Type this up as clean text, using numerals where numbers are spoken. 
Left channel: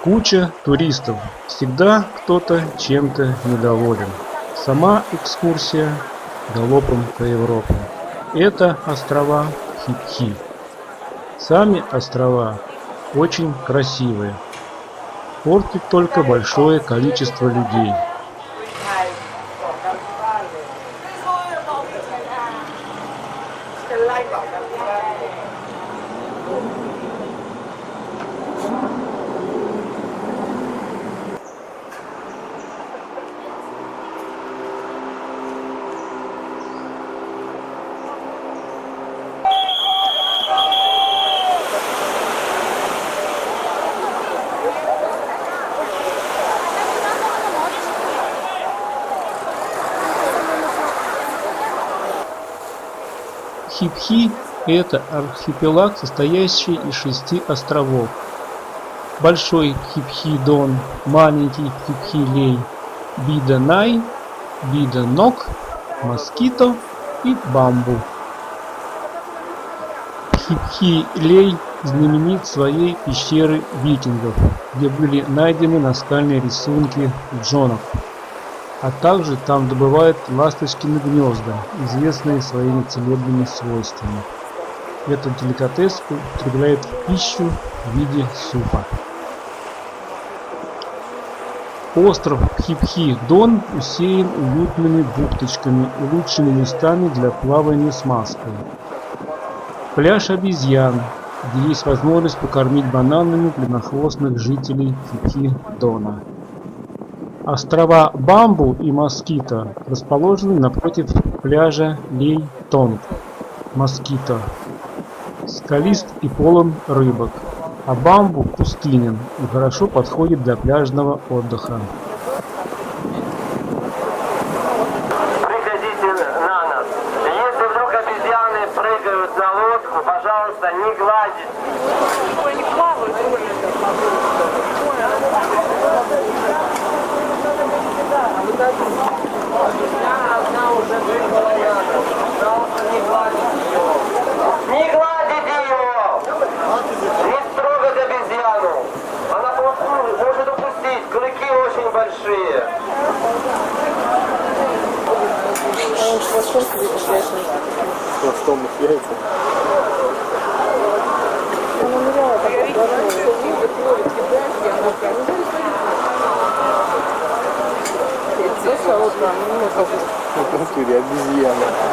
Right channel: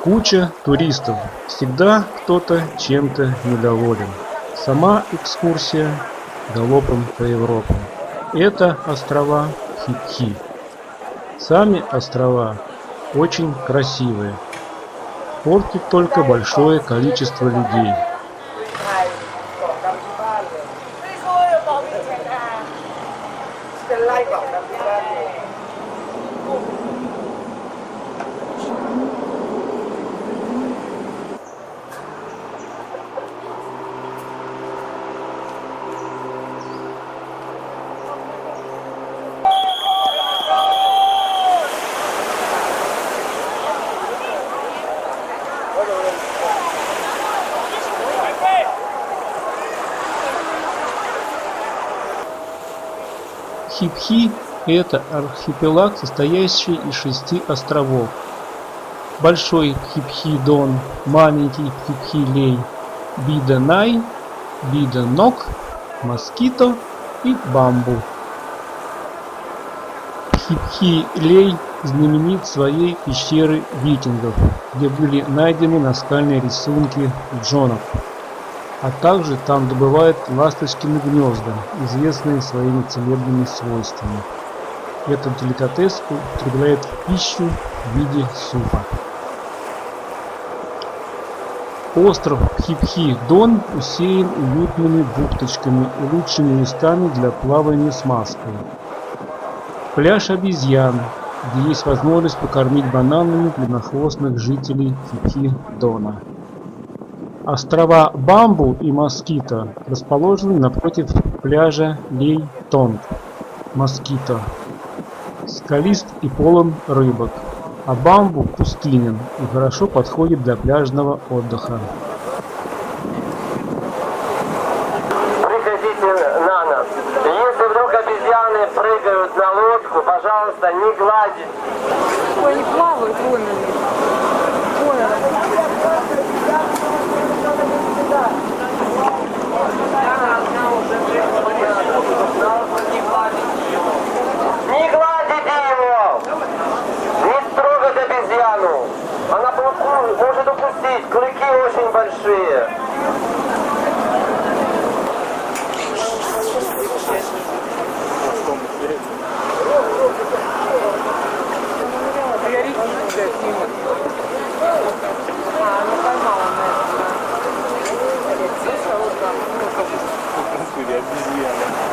Куча туристов. Всегда кто-то чем-то недоволен. Сама экскурсия галопом по Европам. Это острова Хипхи. Сами острова очень красивые. Портит только большое количество людей. Хипхи – это архипелаг, состоящий из 6 островов. Большой Хипхи-Дон, маленький Хипхи-Лей, Бида-Най, Бида-Нок, Москито и Бамбу. Хипхи-Лей знаменит своей пещерой викингов, где были найдены наскальные рисунки джонок. А также там добывают ласточкины гнезда, известные своими целебными свойствами. Этот деликатес употребляют в пищу в виде супа. Остров Хипхи-Дон усеян уютными бухточками и лучшими местами для плавания с маской. Пляж обезьян, где есть возможность покормить бананами длиннохвостных жителей Хипхи-Дона. Острова Бамбу и Москито расположены напротив пляжа Лей-Тонг. Москито скалист и полон рыбок, а Бамбу пустынен и хорошо подходит для пляжного отдыха. Выходите на нас. Если вдруг обезьяны прыгают за лодку, пожалуйста, не гладите. Не гладите ее! Не трогать обезьяну! Она может упустить, клыки очень большие. Обезьяна.